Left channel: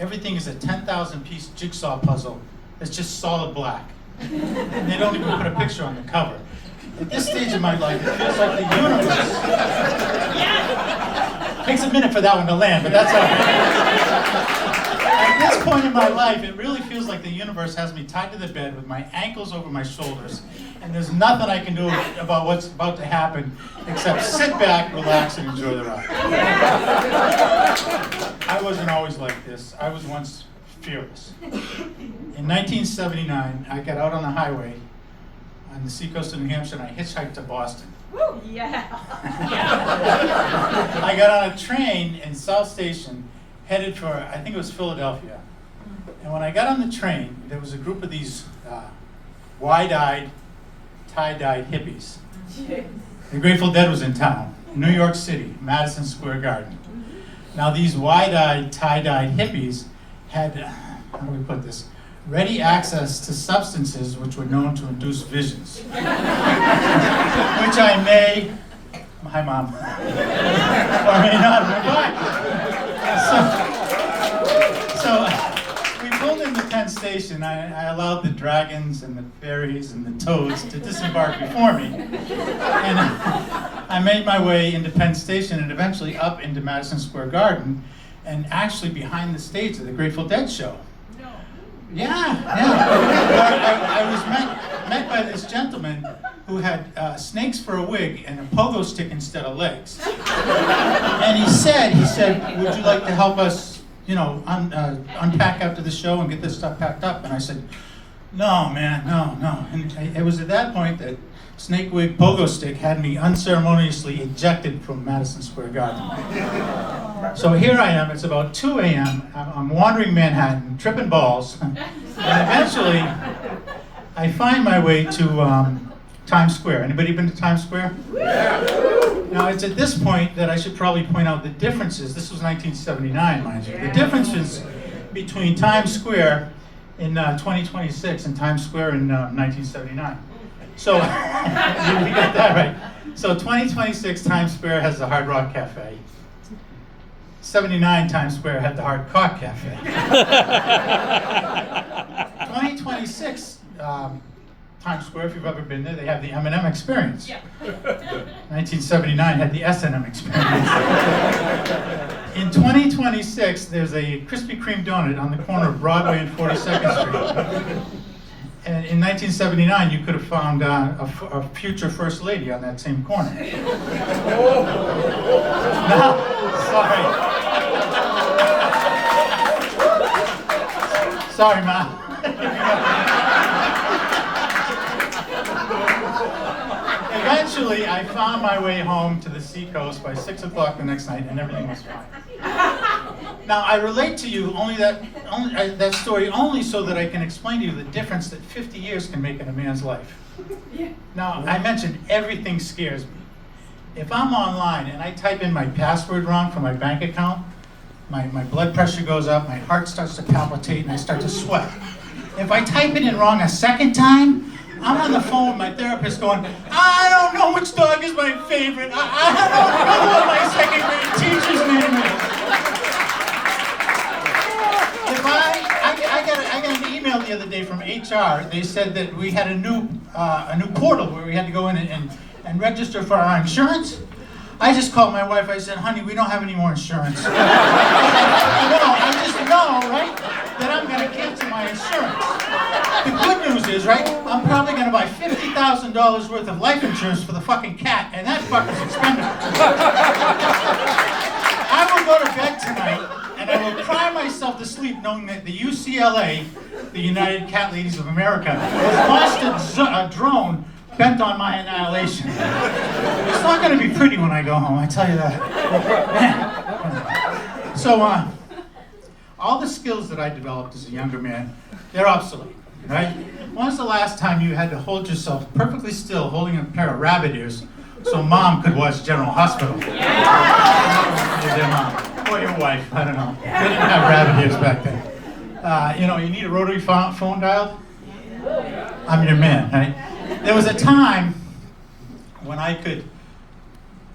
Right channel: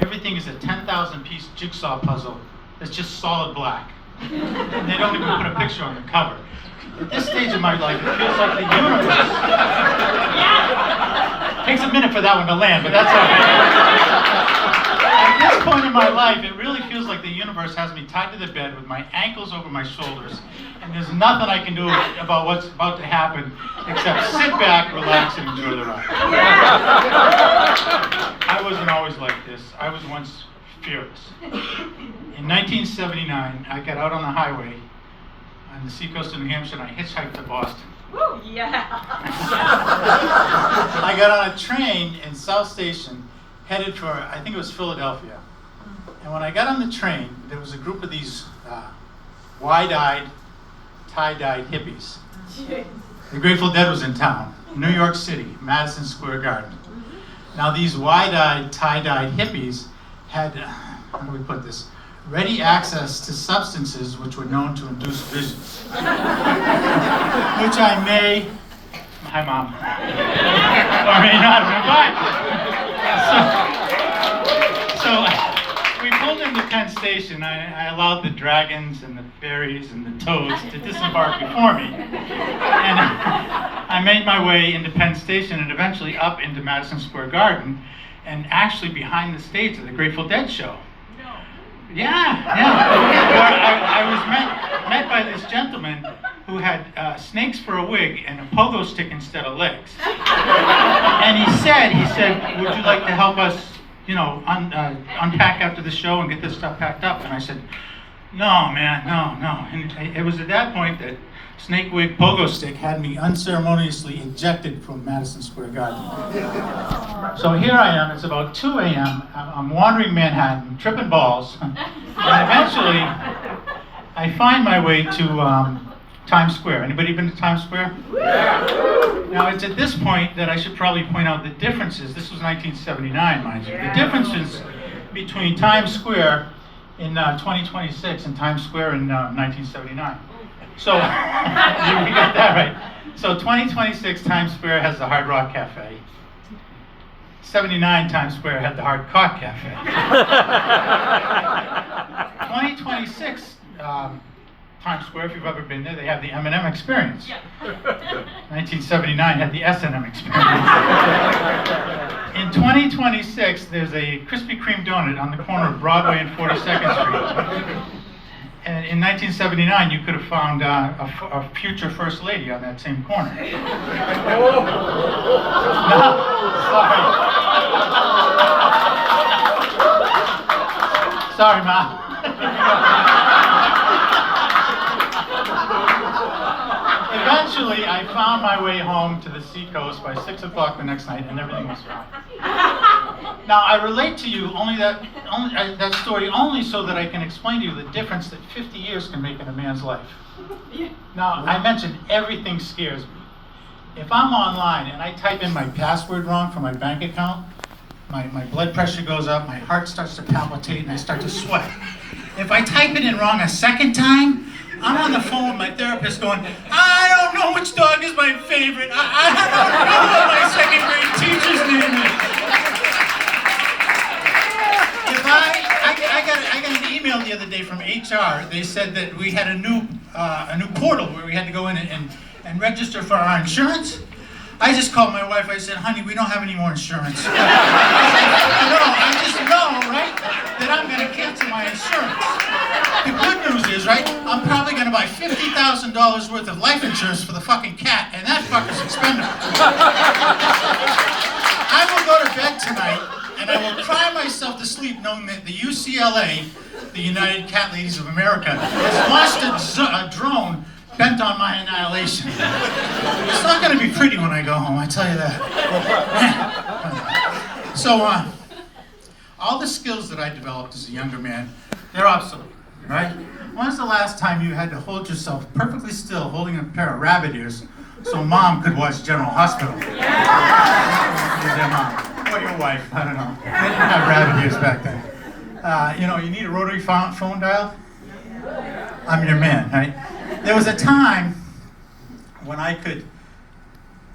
everything is a 10,000 piece jigsaw puzzle that's just solid black. And they don't even put a picture on the cover. At this stage of my life, it feels like the universe. Takes a minute for that one to land, but that's all right. At this point in my life, it really feels like the universe has me tied to the bed with my ankles over my shoulders, and there's nothing I can do about what's about to happen except sit back, relax, and enjoy the ride. I wasn't always like this. I was once fearless. In 1979, I got out on the highway on the seacoast of New Hampshire, and I hitchhiked to Boston. Woo, yeah. I got on a train in South Station, headed for, I think it was Philadelphia. And when I got on the train, there was a group of these wide-eyed, tie-dyed hippies. The Grateful Dead was in town, New York City, Madison Square Garden. Now these wide-eyed, tie-dyed hippies had, how do we put this, ready access to substances which were known to induce visions. Which I may, hi mom, or may not have been. So we pulled into Penn Station. I allowed the dragons and the fairies and the toads to disembark before me. And I made my way into Penn Station and eventually up into Madison Square Garden and actually behind the stage of the Grateful Dead show. Yeah. Where I was met by this gentleman who had snakes for a wig and a pogo stick instead of legs. And he said, would you like to help us, unpack after the show and get this stuff packed up? And I said, no, man, no. And it was at that point that snake wig pogo stick had me unceremoniously ejected from Madison Square Garden. So here I am, it's about 2 a.m., I'm wandering Manhattan, tripping balls, and eventually I find my way to Times Square. Anybody been to Times Square? Now it's at this point that I should probably point out the differences. This was 1979, mind you. The differences between Times Square in 2026 and Times Square in 1979. So, you got that right. So 2026 Times Square has the Hard Rock Cafe. 79 Times Square had the Hard Cock Cafe. 2026 Times Square, if you've ever been there, they have the M&M Experience. Yeah. 1979 had the S&M Experience. In 2026, there's a Krispy Kreme donut on the corner of Broadway and 42nd Street. And in 1979, you could have found a future First Lady on that same corner. No, sorry. Sorry, Ma. Eventually, I found my way home to the seacoast by 6 o'clock the next night, and everything was fine. Now, I relate to you that story only so that I can explain to you the difference that 50 years can make in a man's life. Now, I mentioned everything scares me. If I'm online and I type in my password wrong for my bank account, my blood pressure goes up, my heart starts to palpitate, and I start to sweat. If I type it in wrong a second time, I'm on the phone with my therapist going, I don't know which dog is my favorite. I don't know what my second grade teacher's name is. I got an email the other day from HR. They said that we had a new portal where we had to go in and register for our insurance. I just called my wife. I said, honey, we don't have any more insurance. No, I just know, right, that I'm going to cancel my insurance. The good news is, right, I'm probably going to buy $50,000 worth of life insurance for the fucking cat, and that fucker's expendable. I will go to bed tonight, and I will cry myself to sleep knowing that the UCLA, the United Cat Ladies of America, has launched a drone bent on my annihilation. It's not going to be pretty when I go home, I tell you that. So, all the skills that I developed as a younger man, they're obsolete, right? When's the last time you had to hold yourself perfectly still holding a pair of rabbit ears so mom could watch General Hospital? Your mom, or your wife, I don't know. They didn't have rabbit ears back then. You need a rotary phone dial? I'm your man, right? There was a time when I could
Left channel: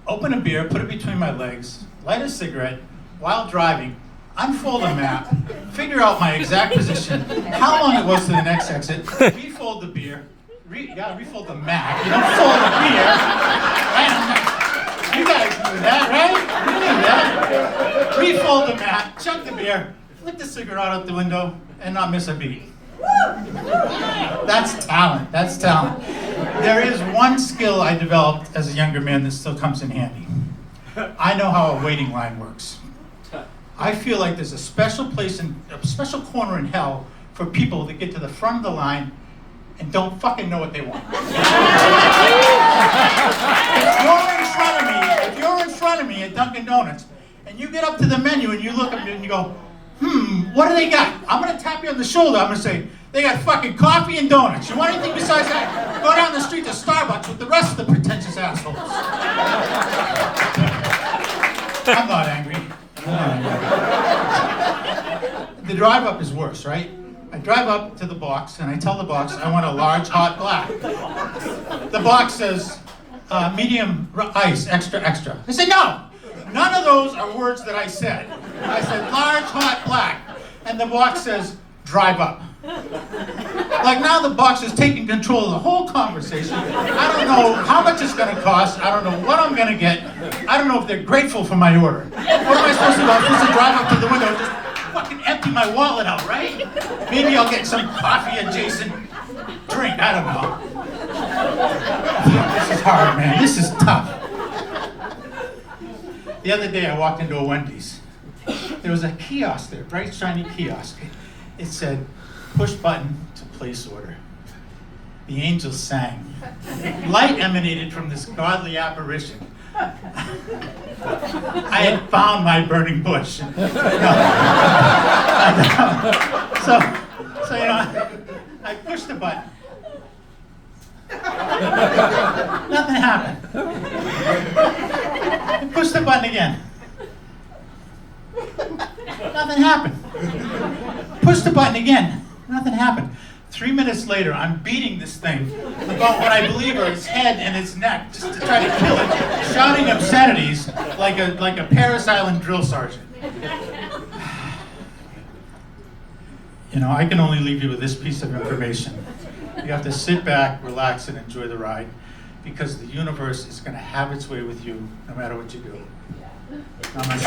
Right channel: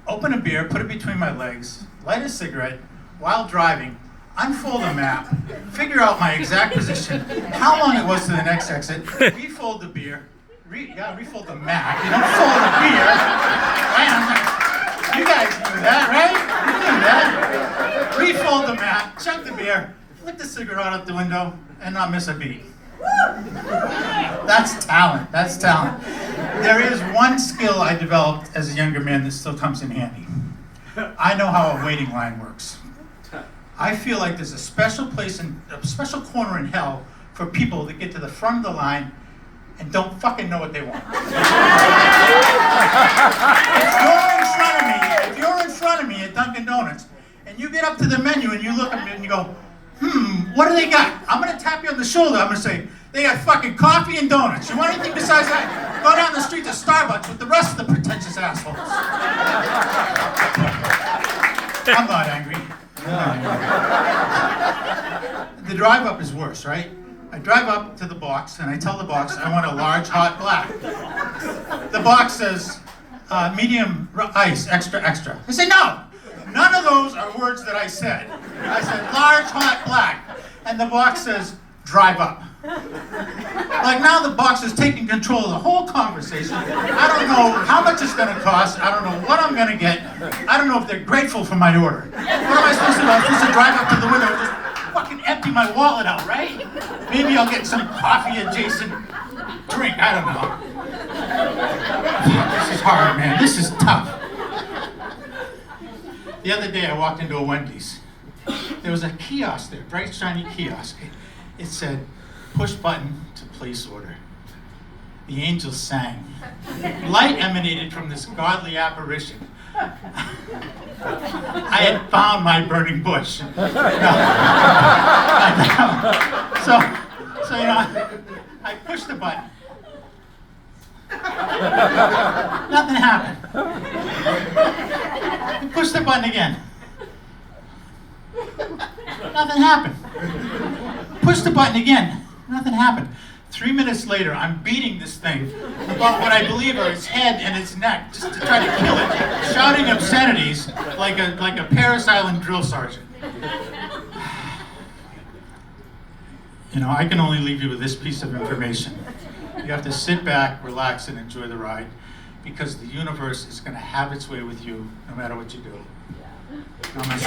open a beer, put it between my legs, light a cigarette while driving unfold a map, figure out my exact position, how long it was to the next exit, refold the beer, you gotta refold the map, you don't fold the beer, right? You guys knew that, right? You knew that. Refold the map, chug the beer, flick the cigarette out the window, and not miss a beat. That's talent, that's talent. There is one skill I developed as a younger man that still comes in handy. I know how a waiting line works. I feel like there's a special place a special corner in hell for people that get to the front of the line and don't fucking know what they want. If you're in front of me at Dunkin' Donuts, and you get up to the menu and you look up and you go, what do they got? I'm gonna tap you on the shoulder, I'm gonna say, they got fucking coffee and donuts. You want anything besides that? Go down the street to Starbucks with the rest of the pretentious assholes. I'm not angry. The drive up is worse, right? I drive up to the box and I tell the box I want a large hot black. The box says medium ice, extra, extra. I said no. None of those are words that I said. I said large hot black, and the box says drive up. Like now the box is taking control of the whole conversation. I don't know how much it's gonna cost. I don't know what I'm gonna get. I don't know if they're grateful for my order. What am I supposed to do? I'm supposed to drive up to the window and just fucking empty my wallet out, right? Maybe I'll get some coffee adjacent drink. I don't know. This is hard, man. This is tough. The other day I walked into a Wendy's. There was a kiosk there, bright shiny kiosk. It said, push button to place order. The angels sang. Light emanated from this godly apparition. I had found my burning bush. So you know, I pushed the button. Nothing happened. I pushed the button again. Nothing happened. Push the button again. Nothing happened. 3 minutes later, I'm beating this thing about what I believe are its head and its neck, just to try to kill it, shouting obscenities like a Paris Island drill sergeant. You know, I can only leave you with this piece of information. You have to sit back, relax, and enjoy the ride, because the universe is going to have its way with you no matter what you do. Namaste.